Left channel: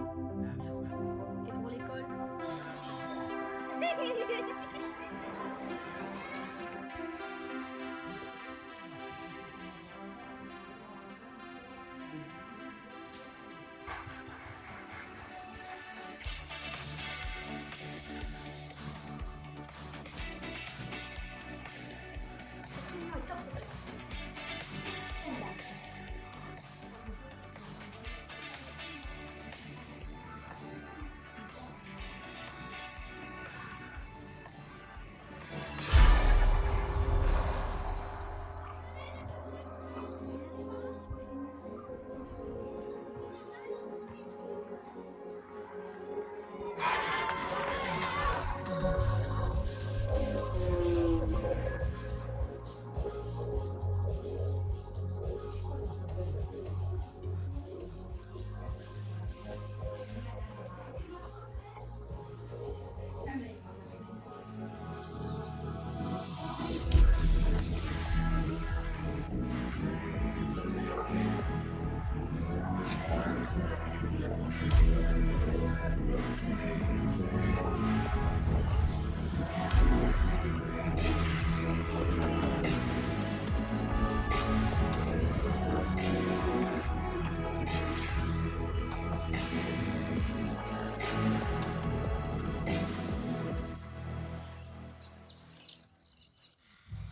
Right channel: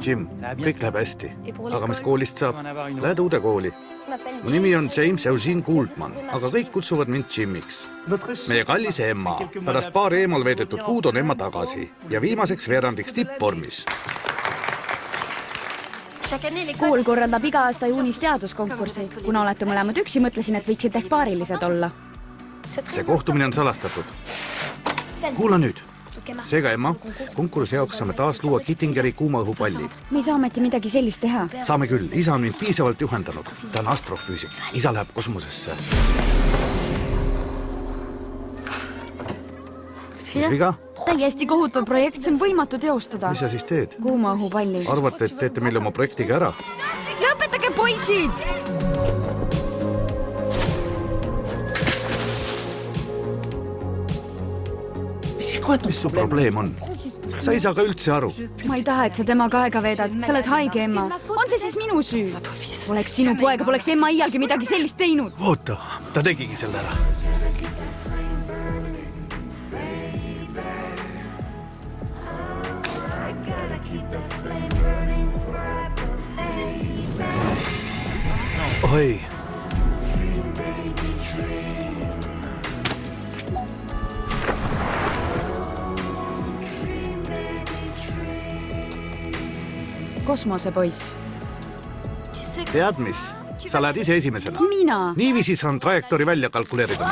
Jim, kõik läheb hästi. Aga mis koolist saab? Lähed uude kooli. Mu nimi on James Eugene Goldman, aga kõik kutsuvad mind Jimiks. Meie kallis Emma. Pärast paar eemal veedetud kuud on Emma tagasi ja viimaseks veerandiks tippvormis. Kool korraldab iga aasta juunis teaduskonkursi. Kuna olete mõlemad üksi, mõtlesin, et võiksid ehk paarilised olla. See kohtumine on salastatud. Kuula nüüd. Seega, Emma, konkursi jaoks saame taas luua Kittingeri kuumaõhupalli. Me ei saa ometi midagi sellist teha. Saame küll. Isa on mind piisavalt juhendanud. Ta on astrofüüsik. Isa läheb kosmosesse. Mis viga? Täiesti kohutav projekt, see on võimatu teostada. Mis sa siis teed? Kuumaõhupalli. Arvate, et teete meile oma projektiga ära? Lõpetage, poisid! Mis su probleem on? Sa ei saa ka üldse aru. Ma ei taha, et sa temaga aega veedad. Sa oled haige, Emma. On see siis minu süü? Oleks sinu poega, poleks Emma iialgi midagi sellist teinud. Oota, ta tegigi selle ära. Oi. Kosmosepoiss. Tead mis? Sa lähed ise esimesena. Mina? Niiviisi saan trajektoori välja kalkuleerida.